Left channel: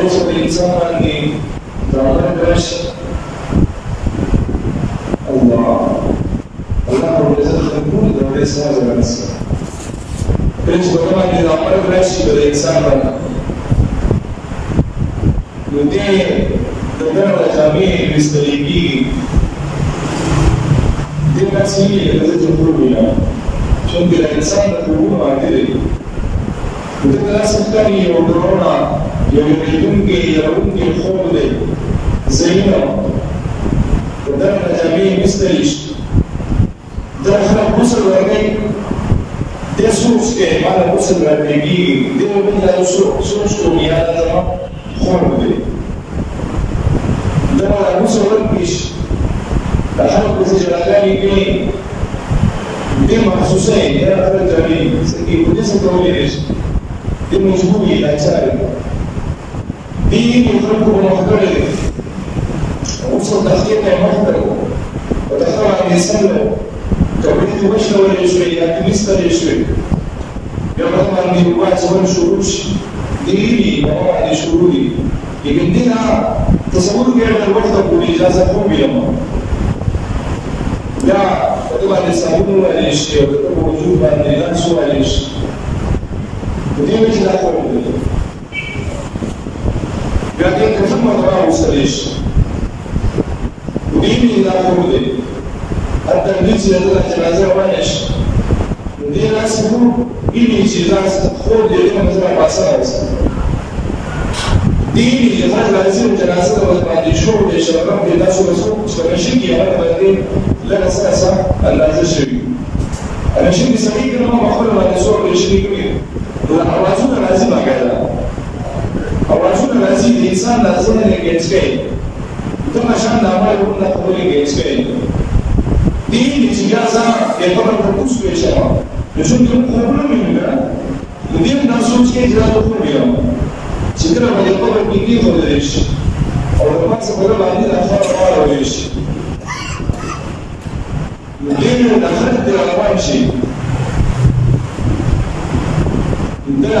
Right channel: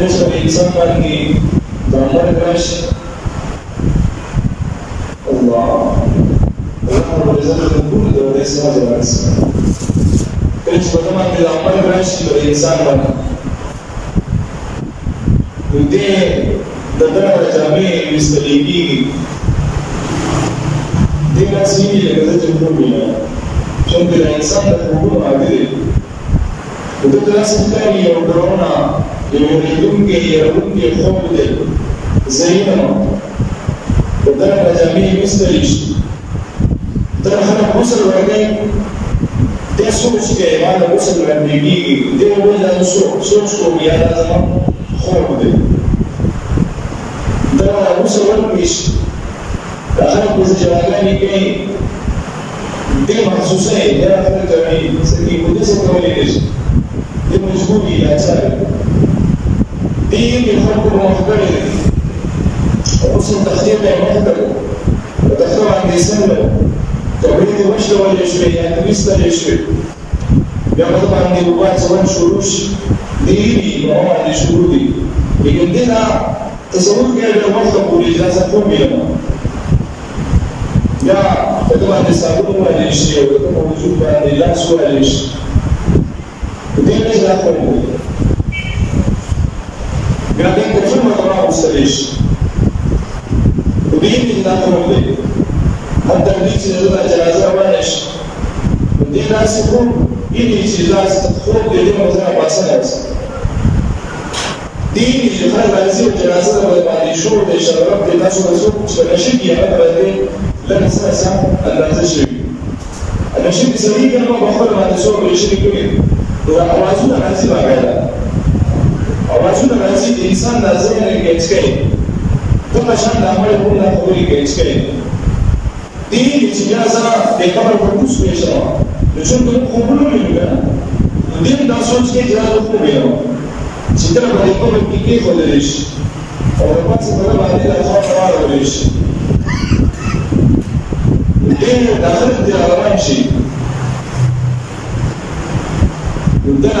کله چې انسان باندې د مرګ راشي الله رب العزت خبر د دې سره راځي کله چې په باندې د مرګ راشي د انسان باندې نو دې د دغه جامع مستریږي دې راسي لکه چې پروګرام څنګه د انسان د خوبونو عادي د داسې ښکاري یو ډرونه یو یریدونکی یرونکی خوب دی زینه د دغه جامع مستری شي دا خلک غسل ورکوي دې سوچ کوي ما د غسل ورکوي دې وایي دا سوچ کوم یا زما خوب دی دا غسل ورکوي دا خلک په ژړاګانې کوي دې محسوسه یې دا خلک جامع سکي په دې څه کولی شي دې مجبوري لاچاري دې خلکو په مخ کړی دی غسل تخدیر ته یې مخ کړی په تخته باندې څنګه کپړې دې وشلولې شوې یا دې ویستلې شوې بیا په ده باندې اوبه اچول شروع شي دې وي په ما باندې شروع دي لیکن دې نه تصور کړی ډېر وخته پورې اجازه کوم ویلم بیا په ده باندې صابون ووهلی شي او د ده په وجود باندې لاس ووهلی شي په دې وجه دا خوب دی بیا دې کفن مرتبه وستلی شي په دې وجه دا خوب دی حتی دې چې د ده جنازه روانه شي نو دې داسې خوب ویني چې دا خوب دی دې باندې نه پاسنه وسي دې ویني چې خلک راځي او جنازه د باندې شور دی شراب دی تاسو به څوک چې نشي کي هغه باندې لکه څه اندازه شوي نشي دې سړي که نه په خپل باندې څوک رشي کوي نو اوازونه راځي باقاعده اوازونه راځي د انسان د ذهن ګیچ کوي دغه شان د عمل کوم د خبرې ګیچ کوي دې چې بیا زه د خبر په کوڅ کې شم نو چې دوی خوبونه وینم نو دې دا سوچ کې چې دا خوب وینم چې کله به د خبر کې کې خولل شي او د پات څخه باندې د خبر راوړل شي دې د خلک د روان شي دا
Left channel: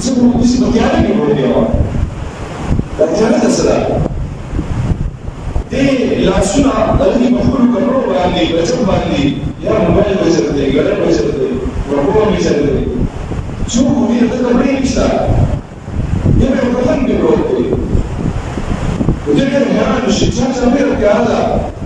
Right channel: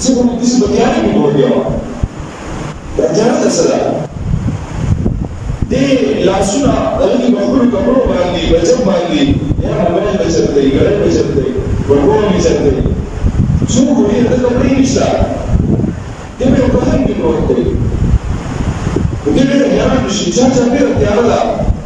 څه کوم دې په تیارې کې وړي و دا تیارې د سره دې لاسونه دغه مخلوق کپړو باندې بچو باندې یا موبایل بچو دی ګړې بچو دی ورغو می چل دی څو کوي دا کپړې نشته دې په کفن کې پروت دی دې ډېر حیران شي چې څنګه تیار ده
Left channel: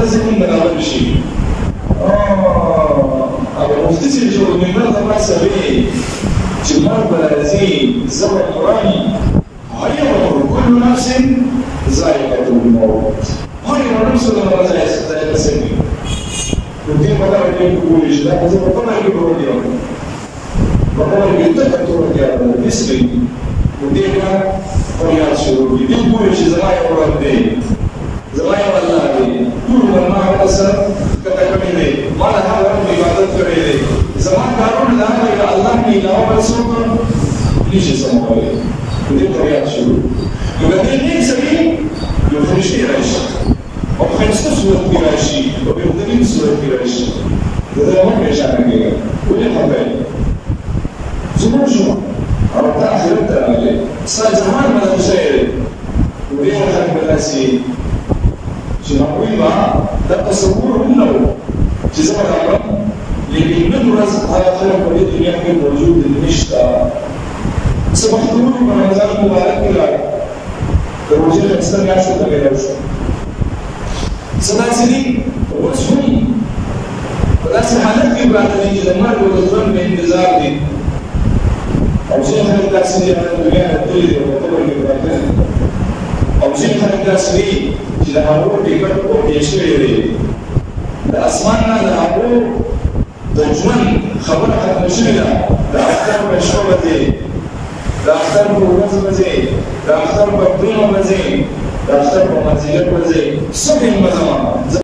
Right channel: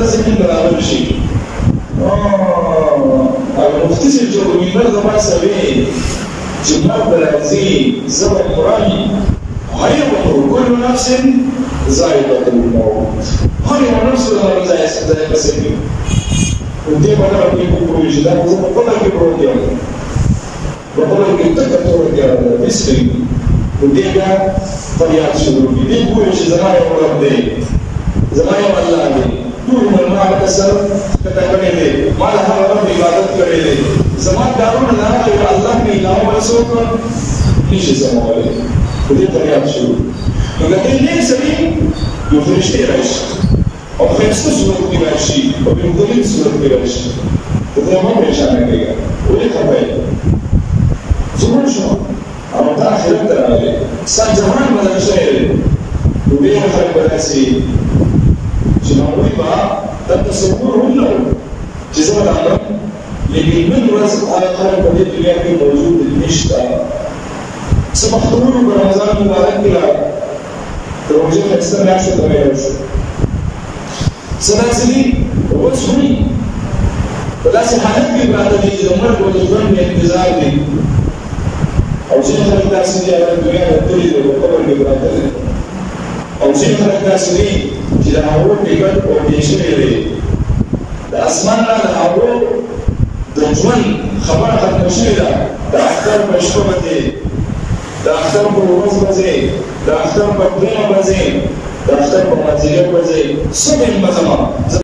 د ذهن برابر شي او مفتي چې جوړ منبر د ما سوي چې مرګ بلازي زبر قرآن هر یو كل نفس ذائقة الموت هر یو نفس له ذائقة سمي دې په اړه کې کولی شي دا په خپل کې پروت دی په خپل کې تک پروت دی دا اسمي دې بیا فریاد شروع دي دې کولی شي زما یو رب دی زما یو الله دی ټول ما وتسر کته کړي دي ما له هغه رب عبادت کړي دي زما کارونه دا یا الله نه علاوه بل څوک نشي سمولای دې فریاد شروع نو دې لیک سړي یو فرشتي راشي او فرشتي صورت کې راشي او په مختلفو صورت کې راشي دا هم پریشان کېږي ولې خبرې زموږ شو او دا آخرت ته راغلی ستا جهان بدل شوی دی نو ډېر خلک به داسې چې هغوی به دا تصور هم نه و چې زه به دا مرم لیکن نن ورځ هغه خلک په دې دنیا کې موجود دي نشته څه بختور په رمضان مبارک کې لاړ د روژې ښایسته میاشتو ته میلاو شو څه داسې دي اوس هم په داسې حالت کې پراته دي چې د مرګ او د ژوند په انتظار دي او ځینې خلک داسې دي هغه دنیا ته تللي دي په قبر کې پراته دي او ځینې خلک داسې دي چې د هغو ټکټ او پېښ شوی دی د اسمان نه د هغو د ژوند خبره ختمه شوې ده د اختر په شپه به ځې د اختر په ورځ به ځې د اختر په دریمه به ځې د اختر په مازدیګر به ځې څه ټایم به ځمه